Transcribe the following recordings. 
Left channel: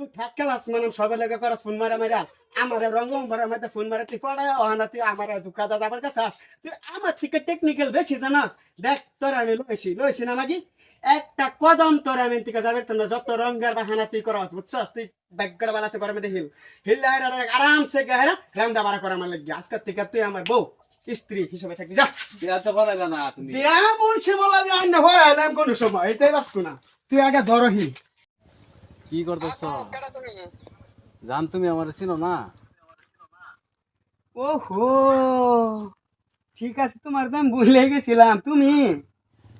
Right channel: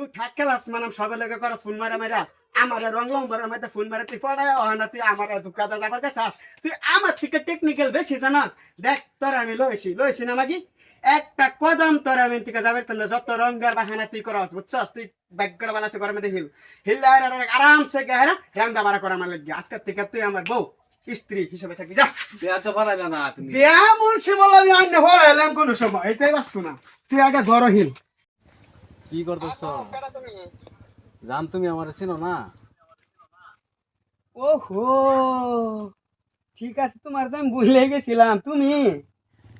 তুই ঠাক খেলাস মানে সবে লেগে করস ফোন মারা মারা আমার রং রং বড় মাইতে ফোন মারা তুই পড়ায় অহানা তুই আমার দুঃখা দাদা আমার কাছে আস। তুই আমার থেকে টেকনিক্যাল বেশি জানাস। দেখ তোর আমি লইছি লইছি না মাগি? একটা কদম তোর আমি থেকে যাবে তোর যত রঙের বাহানা তুই করস বুঝছস? তুই ব্যাগড়া বালাছে করে মধ্যে হিল। হিল আরামসে গেহারা রান্দা বাড়া করা আমার লাগি আজকের থেকে তুই আমার বউ স্ত্রী হিসেবে থাকবি যা। বিয়া তো পারাইবে না তুমি। দিয়া মুন্সি বললাম আমি আন্নে হরাইলাম কোনো সময় এটাই বাঁচতো না। তুই আগে ধরো হিল। কি করতেছ? জান তুমি আমার চিনো না? ওহো ঠিক আছে তোমার তো আমি ভুলে গেছিলাম। তুমি?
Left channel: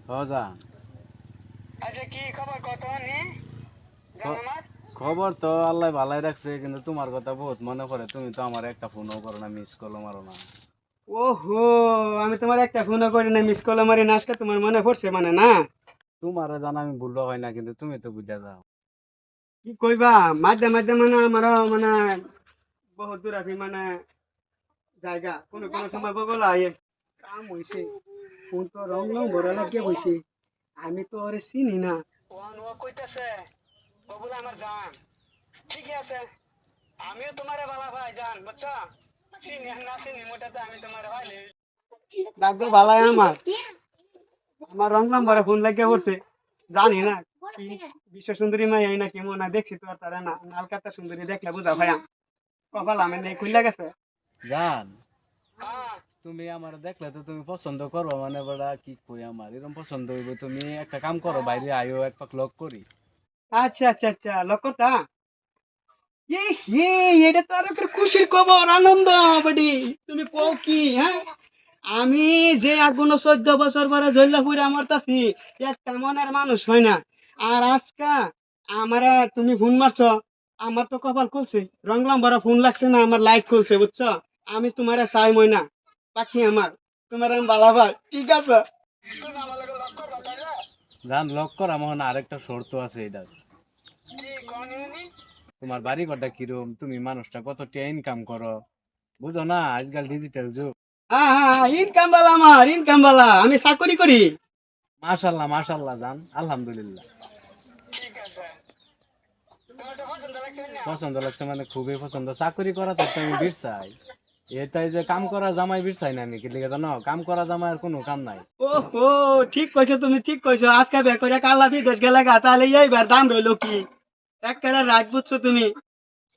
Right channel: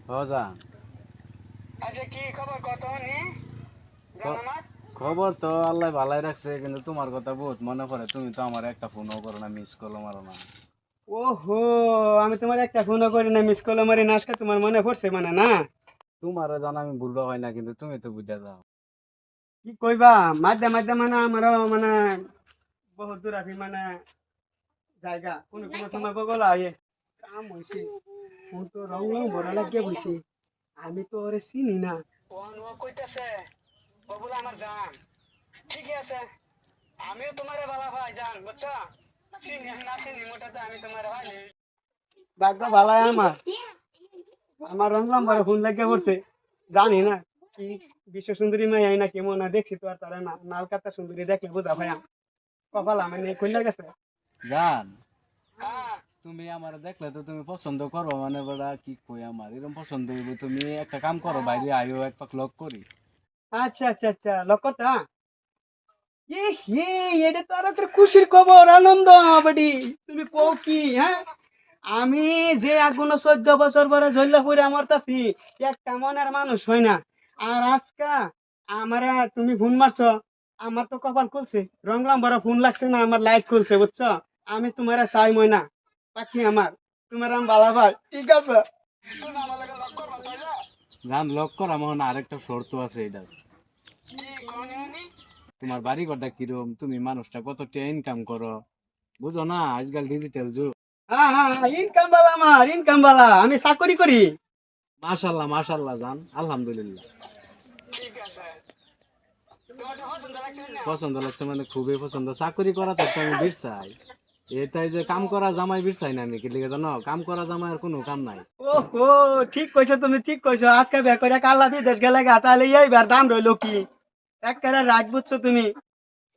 হ জান। আচ্ছা কি খবর কত খবর তো আল্লাহ ভালাই রাখছে কিন্তু তোমার কথা বহুত মনে পড়ে। তুমি তো আমার একটা ফোনও করো না মিস কলও মারো না। ওহো আমি তোমার একটা ফোনও করি না মিস কল মারি না আজকে তোমার মনে পড়ছে মানে না? তোমার জানা আমি ভুলবো হয় না কিন্তু তুমি তো বুঝে যাও। কি কইবা? মাঝে মাঝে মানে আমার মানে বহুত দূর আছি মানে জায়গা। কোনো কোনো সময় বগল আয়ে কাম হইছে ফোন তো রং রং বড় লাগে হইছে আমি তো ওরে চিনি না। ওয়ান ও কইতাছে বলে আমার জান। ঠিকই আছে। আমিও তোমারে বালা ভাই জান বুঝছ চিনি না চিনি মোটাতে আমি তোমার ভাই ভাগ্য ভালাই আমার আমার রং নম্বরে ফোন লাগে পড়ছে জানি না। বিশ্ব সুন্দরী মাই না কেমন না দেখছি তো আর তারা না নালকাতা সুন্দরী দেখলে বুঝা ভাইয়া। কপাল আমি নেই খুললে গেছে। জান হ্যাঁ তুমি আমার দেখলে তো তুমি পছন্দ করো মানে বড়া কি কই আমার? এরকম পছন্দ হইব তুমি। একটা কাম করো বাইরে আইও এক পাক লক করি। আচ্ছা আচ্ছা আচ্ছা লকতা এ হে এটা তো আর একটা খুশির খবর আনন্দ বাড়ি তুমি কও কি হ্যাঁ? আমি যে আগুন চোদ্দ বছর পরে ঝল্লা ফুরে আমার তাছি একটা মনের মানুষ হয় না। আর আজকা আমরা তুমি ফোন মারছো আমার তো কপাল খুলছে। রংলাম বড় ফোন লাগছে না আমার লাইট খুলছে বুঝছ? আমি তোমার চাই মই না পাখি আমার। তোমার আমি বালা ভাই ঠিক আছে? জান লক করা হয় আরেকটা শর্ত আছে এটা তোমার বাড়ি ঘরটা কিরম? তুমি মানুষটা কত ইনকাম করো? বুঝো না আজকাল ডিজিটাল যুগ। হ্যাঁ হ্যাঁ ইনকাম বালা আমার ইনকাম বালা আমি চাকরি করি। মাশাল্লাহ মাশাল্লাহ জান আলহামদুলিল্লাহ। পছন্দ লাগছে মানে খুবই পছন্দ। চাকরি করা তো আমি বীর এটাই যে কাম করা জামাই বীর না আমি, কি লিখে জানো? কাম করা জামাই আর কোনো কাম নাই। ওহো, ঠিক কইছো তুমি, ঠিক কইছো। আজকে বে করে কাল্লা বিদেশ গেলে গা, তাহলে এইবার দাম রইল কি? এক করে রাগ বুঝছ তুমি?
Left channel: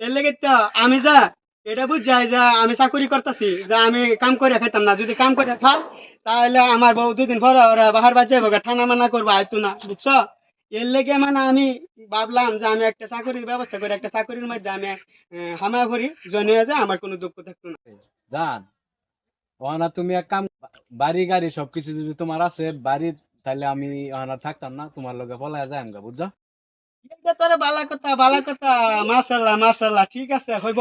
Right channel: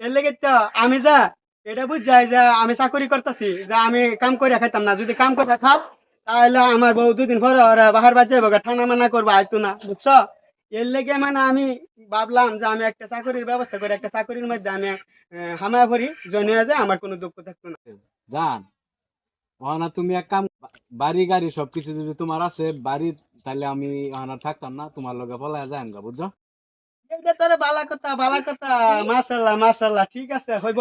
এর লেগে তো আমি যা, এটা বুঝ যাই যে আমি চাকরি করতেছি, যে আমি কাম করে খাইতাম না। যদি কাম করে খাও, তাহলে আমার বউ দুদিন পরে ওরা বাহার বাজে বগা ঠান্ডা মানা করব, আইতো না, বুঝছ? এর লেগে মানে আমি ভাবলাম যে আমি একটা চাকরির ব্যবস্থা করে একটা চাকরির মধ্যে আমি হামায় করি জনিয়ে যায় আমার কোনো দুঃখ থাকতো না। জান ওখানে তুমি এক কাম বাড়ি গাড়ি সবকিছু যদি তোমার আছে বাড়ি তাহলে আমি ওখানে থাকতাম না তোমার লগে পলায় আমগা বুঝছ? এটা তোরে বালা কথা বালা কথা মাশাল্লাহ মাশাল্লাহ ঠিক আছে হইব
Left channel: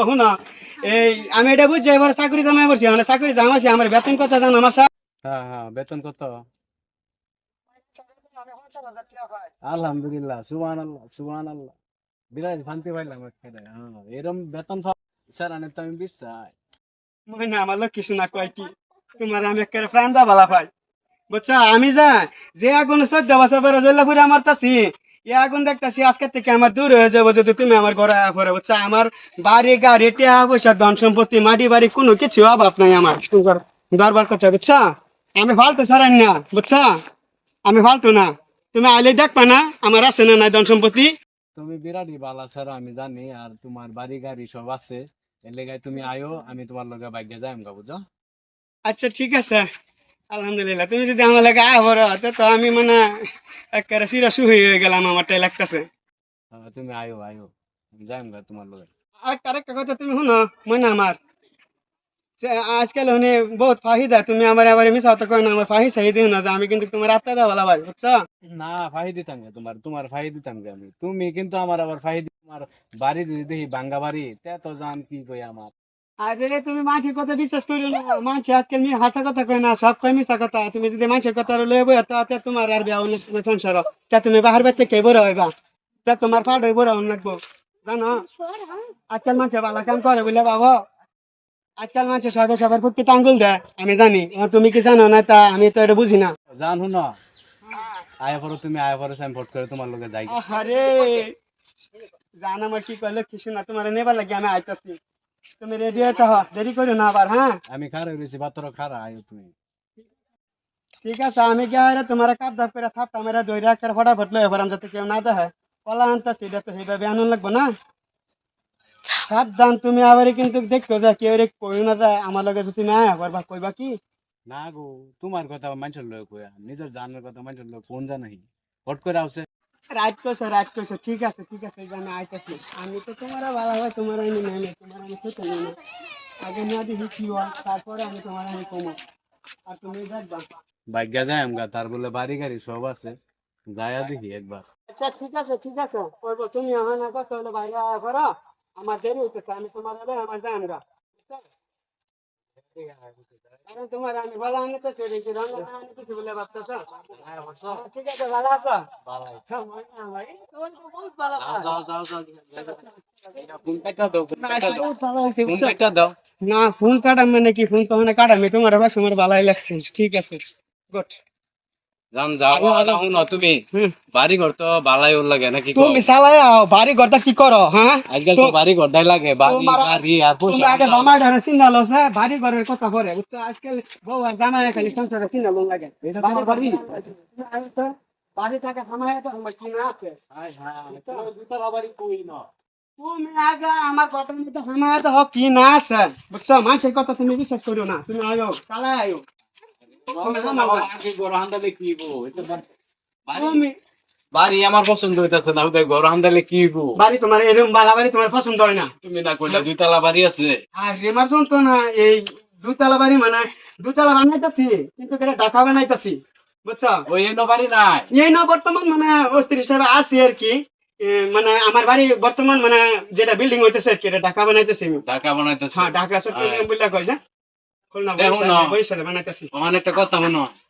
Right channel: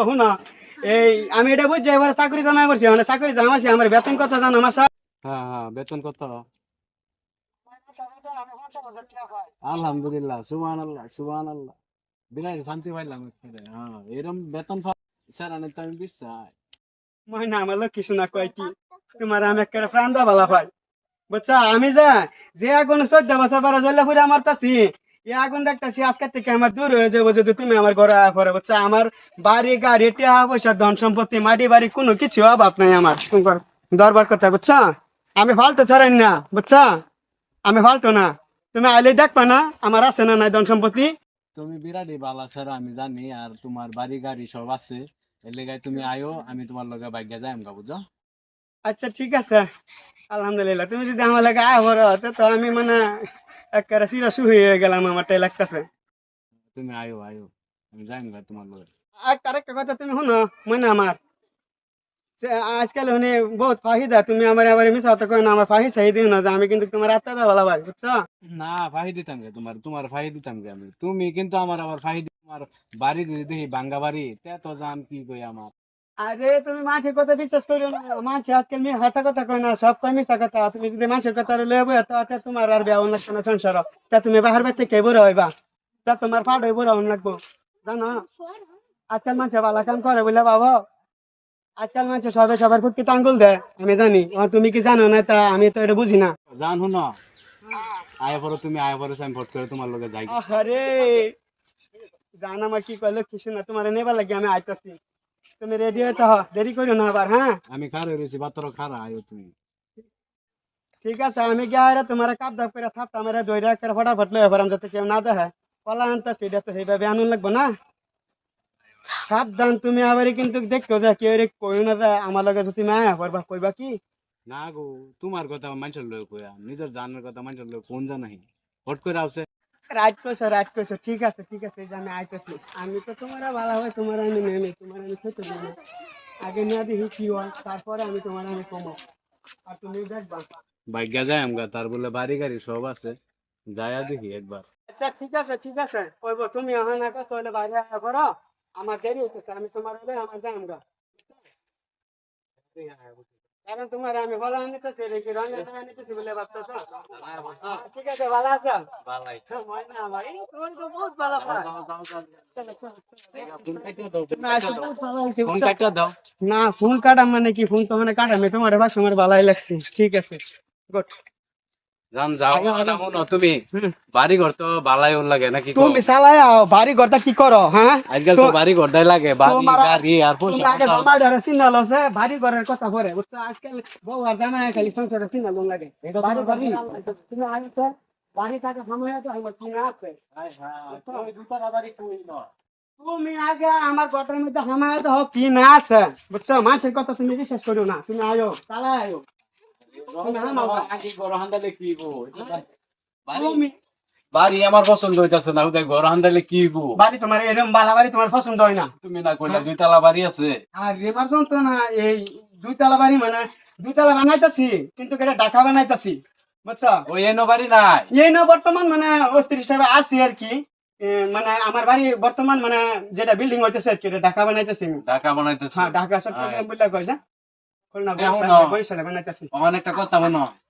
এই আমি এটা বুঝছি এবার চাকরি করছি মানে চাকরি আমার বেতন কথা জানো মাসা হ্যাঁ হ্যাঁ বেতন কত আমি পঞ্চাশ হাজার টাকা পাই আলহামদুলিল্লাহ সুবান আল্লাহ সুবান আল্লাহ বিরাট শান্তি পাইলাম হ্যাঁ এরম বেতন স্যার আনে তো আমি বিশ্বাস। মহিনা আমার লোক কিছু না কয় কি? তোমার আমি একটা প্রাণ দা পাই বুঝছ? আমি যা যে আগুন চোদ্দ বছর পরে আমার তাছি এ আগুন দেখতেছি আজকে থেকে আমার দূর হয়ে যাব যদি তুমি আমার ঘরে আয়া পরে বুঝছ? আমার বাড়ি গাড়ি টিয়া পয়সা ধন সম্পত্তি মাটি বাড়ি কোনো কিছু অভাব নাই আমার। দরবার কথা বুঝছা? আমি ফালতু ছাড়াই না বুঝছা? আমি ফালতু না। তুমি আইলে দেখবা না আমার আছে না নাই ধন সম্পত্তি। তুমি বিরাটই বালা স্যার আমি জানি আর তোমার বাড়ি গাড়ি সব আছে। এর লেগায় তুমি আয়ো আমি তোমার লগে বাইকে যাই আমগা বুঝছ আচ্ছা ঠিক আছে। আলহামদুলিল্লাহ তুমি যদি আমার লাগে আয় বড় তো তো আমি মানে একেবারে চিরা সুহি হয়ে গেলাম আমারটাই লাগতেছে। তুমি আয়ো আয়ো আমি যাই আমগা তোমার লগে। আর আরেকটা কথা তুমি শুনো মনে আমার আজকাল শুনি বহুত ফাহিদা তুমি আমার আবার মিশা হতে না আমার ফাহি চাহি দিও না যে আমি কিন্তু তোমার আত্মা দেওয়া ভালো ভাই বুঝছ? না ফাহি দিতাম গে তোমার তোমার ফাহি দিতাম গে আমি। তুমি কিন্তু আমার আবার ফাহি দি- তোমার বাড়ি যদি দেখি বাঙ্গা বাড়ি তে তো জান কি কই আমার। আরে তুমি মানুষের কথা বিশ্বাস করিও না। মানুষ আজকাল নিয়ে হাসা কথা কয় না সব কয় মিশা কথা। তুমি যদি মানুষের কথা লয়ে বই তা তোমার আর বিয়া অন্য কোনো সংসার তা তুমি বাহার বাচ্চা কে বড় হইবা? তা তোমার ফাট হইব অন্য লাগবো জানো? আজকাল মানুষ ভালো কাম করে বুঝলে বাবা? আজকাল মানুষ সবাই সবার ফুটকি আঙ্গুল দেয় আমি জানি তুমি কি জানো? না তা আমি তো এটা বুঝি না। জান শুন। আয় পরে তুমি আয় পরে আমি ভোট করে তোমার যাই। আরে জান আমার কি কইলো কিছু না তোমার নেবার লাগে আমি আইতাছি। তুমি রেডি হইতে হ দেরি করো না আবার হ্যাঁ? আমি খারে রয়েছি বাতর খারা আয়ো তুমি। ঠিক আছে আমি গিয়ে আরে তোমার কাপ দাপ করে থাপটা মেরে দইরা করে ফটাফট লয়ে পারাম যাতে কেউ না দেখে। পলা আনতাছি এটা তো সেইভাবে আনন্দ লাগবে না? সাবধান তুমি আবার কিন্তু দেখতো যে কেউ রে কই না যায় আমার লগে যদি তুমি আয়া পারবা কইবা কি? না গো তোমার কথা মানুষের লোক কইয়া নিজের জানের কথা মানুষের লোক কোন জানাই হট করে আসে। রাত কইছো রাত কইছো ঠিক আছে ঠিক আছে যে আমি আইতাছি। আমি তো তোমার ভালো হয় তোমার আমি নেমে তোমার আমি খেতে নেমে আগে নিয়ে দেখি কি হয় তারপরে আমি তোমার আমি কমো। আর তুমি দেখবা। ভাগ্যা যায় আমগা তার বলে বাড়ি গাড়ি সব আছে। যায়া দেখি একবার। আচ্ছা ঠিক আছে ঠিক আছে কইব তুমি ওখানে কত হলে বাইরে আয়া করো। আমার দেরি হইতেছে আমি তোমার হলে আমার যাই আমরা কারণ তোমার আমি বলা নিতেছি রে কি রঙে না বলে ভাবতেছো? ঠিক আছে ভালো আছো? বহুত ভালো। না, ভালো ফোন কাটা মানে কি ফোন তো মানে কাটা আমি তোমার ভাষা আমার ভালোই লাগছে। ঠিক আছে গুড তুমি বাড়ি ঘর তো বালাই ওর লাগে নাকি তুমি চালাই আও বাড়ি ঘরটা কি করো হ্যাঁ আজকাল তো বাড়ি ঘরটাই লাগে বাড়ি গাড়ি আর তুমি আগে জামাই ধারে চিন্তা লছে বাড়ি ঘরের কথা পরে বুঝছ আজকাল বউ আর জামাই খালি সংসারে চিন্তা লং লাগে। এটা তোমার বাড়ি? তুমি আগে তো বাড়ি থেকে জামাই তো আমার কি না আছে তুমি আগে আমার ঘরের মধ্যে হামায় তো কি না আছে বুঝছ মানুষের কথা তুমি বিশ্বাস করো না। তুমি আয়ো চালাই আয়ো বাড়ি আমার পছন্দ হইতাছে না ঘর কি গো বাড়ি তোমার এরকম বালা বাড়ি তোমার পছন্দ হয় না তুমি না কইলে দুইতলা বাড়ি আছে আর রেমার তো না এই বাড়ি মানে বানাইতাছি কিন্তু এটা ঢাকা বানাইতাছি বুঝছ ওই এনো বাড়ি নাই এই না বর্তমান মানে অস্থির হিসাবে আছি আর কি মানে আমার বাড়ি বর্তমান মানে যেটা বিল্ডিং হইতেছে আর কি এটা ঢাকা বানাইতেছি ঢাকা বানাইতেছে হ্যাঁ ঢাকা বললা কই যা একটা কথা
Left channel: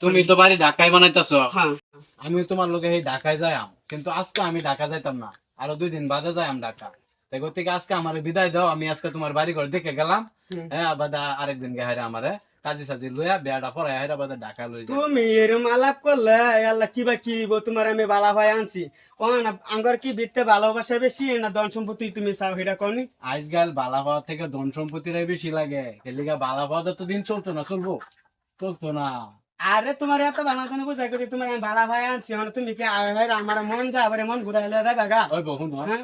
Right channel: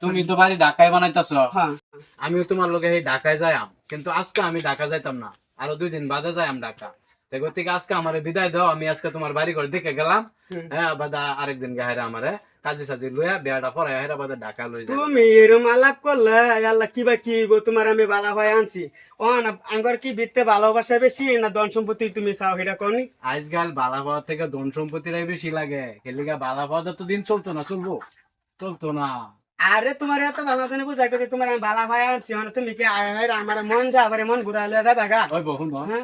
তুমি তো বাড়ি ঢাকায় বানাইতেছ। হ্যাঁ। আমি তোমার লোকে এই ঢাকায় যাইম কিন্তু আজকে আমি ঢাকা যাইতাম না। আরও দুই দিন বাদে যাইম ঢাকা। তাই গতিকে আজকে আমার বিদায় দাও। আমি আজকে তোমার বাড়ি ঘর দেখে গেলাম। হ্যাঁ বাদা আরেকদিন গেহারে আমারে। কাজী সাজে লইয়া বেড়া পরে হেরা বাদে ঢাকা লই তুমি এরম আলাপ করলে আল্লাহ কিবা কি গো তোমার আমি বালা ভাই আনছি। ও না আঙ্গর কি বিত্তে ভালোবাসা বেশি না ধন সম্পত্তি তুমি চাও হেরা কনি আজকাল বালা পাওয়া থেকে ধন সম্পত্তিরাই বেশি লাগে। খেলিগা বালা পাওয়া তো দিন চলতো না চলবো? চলতো না। আরে তোমার এত ভালো করে বুঝাই করি তোমার আমি বালা ভাই আনছি মানে তুমি কি আমার মন যা আবার মন ঘুরাইলে দেবে গা ওই বহু হ্যাঁ।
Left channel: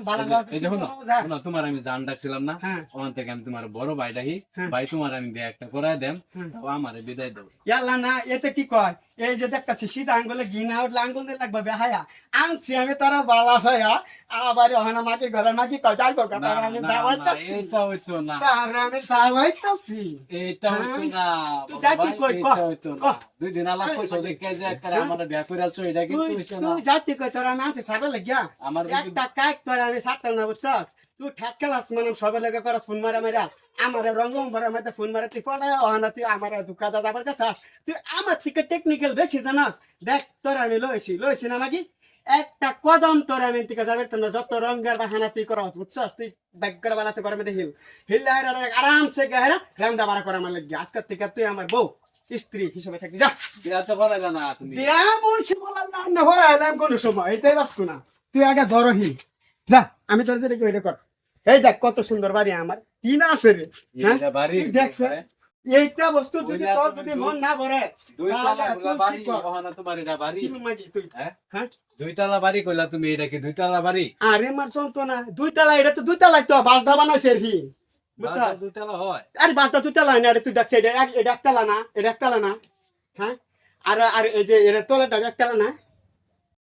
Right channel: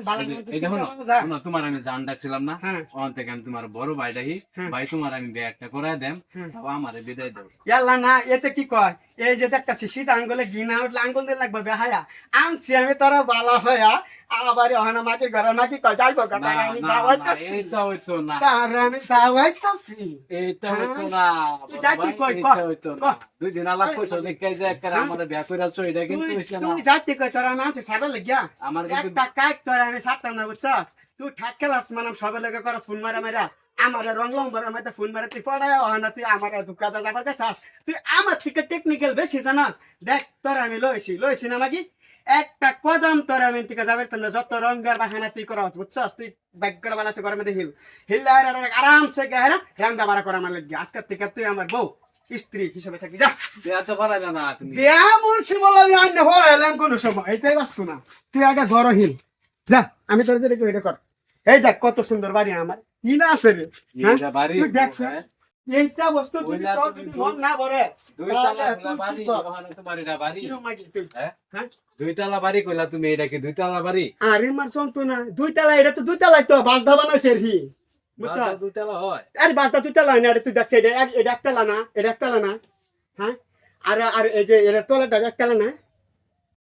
শুনো, তোমার আমি জান ডাকছিলাম না হ্যাঁ ওখান থেকে আমি তোমার বড় ভাই ডাকি হ্যাঁ। ভাই তোমার আমি ব্যাগটা করাই দেন। তাও আমারে বিদায় দেব ইয়াল্লা না এতে কি কয় এই যে দেখতাছি শীত আঙ্গুলে ঘিনা উঠলে আঙ্গুল দিয়ে লাগবে বেহায়া আনছি আমি তোরা বালা হইয়া আবার ওখানে মাটির ঘরের মাটি কয় যাইব কথা আমি যাওয়াইতাছি এইটা হইতো না। তারে আমি যাওয়াইতাছি এইটা হ্যাঁ? হইতো না তুই বড় যাইতি কই, হইতো না। দুই দিন আলাপ করছ দেখে যে একটা? আমার বিয়া করে এটা কিন্তু হইছে না। তুই যাইতে কই তোরা আমি আনছি সাবে লাগিয়া। আমার একটা কাইক তোরা আমি ছাড়তাম না বুঝছস? তুই ঠাক খেলাস মানে সবে লেগে করস ফোন মারা মেরা আমার রং রং বড় মেয়েটা ফোন মারা তুই পড়ায় ওহানা তুই আমার দুঃখা দাদা আবার কাছে তুই আমার থেকে টেকনিক্যাল বেশি জানাস। দেখ তোর আমি লইছি লইছি না মাগি? একটা কদম তোর আমি থেকে যাবে যত রঙের বাহানা তুই করস বুঝছস? তুই মধ্যে হিল। হিল আরামসে গেহে না রান্দা বাড়া করা আমার লাগি আজকের থেকে তুই আমার বউ স্ত্রী হিসেবে থাকবি যা। বিয়া তো না তুমি। দেয়া মুন্সি বললাম আন্য ভরা এলাম কোন সময় এইটাই বাস্তু না। তুই আগে ধরো হিল। যা আমি তোর দিকে এটা কর। এই দেখ কত সুন্দর বাড়ি আমার। কি না আছে রে? হ্যাঁ? তুই দেখছ? হ্যাঁ? এইটা বস্তু যদি তোর যদি মন না ভরে বাড়ি হ্যাঁ? দুই তালা বাড়ি কইলা তুমি এটা কি দুই বাড়ি? আরে মার চলতো না দুই তালা এটা তো তো হয়। আরে হয় না তুই দেখছে এটা এক- এটা একতলা না এটা একতলা না। হ্যাঁ? আর আর এই যে এটা তলাটা একতলা না।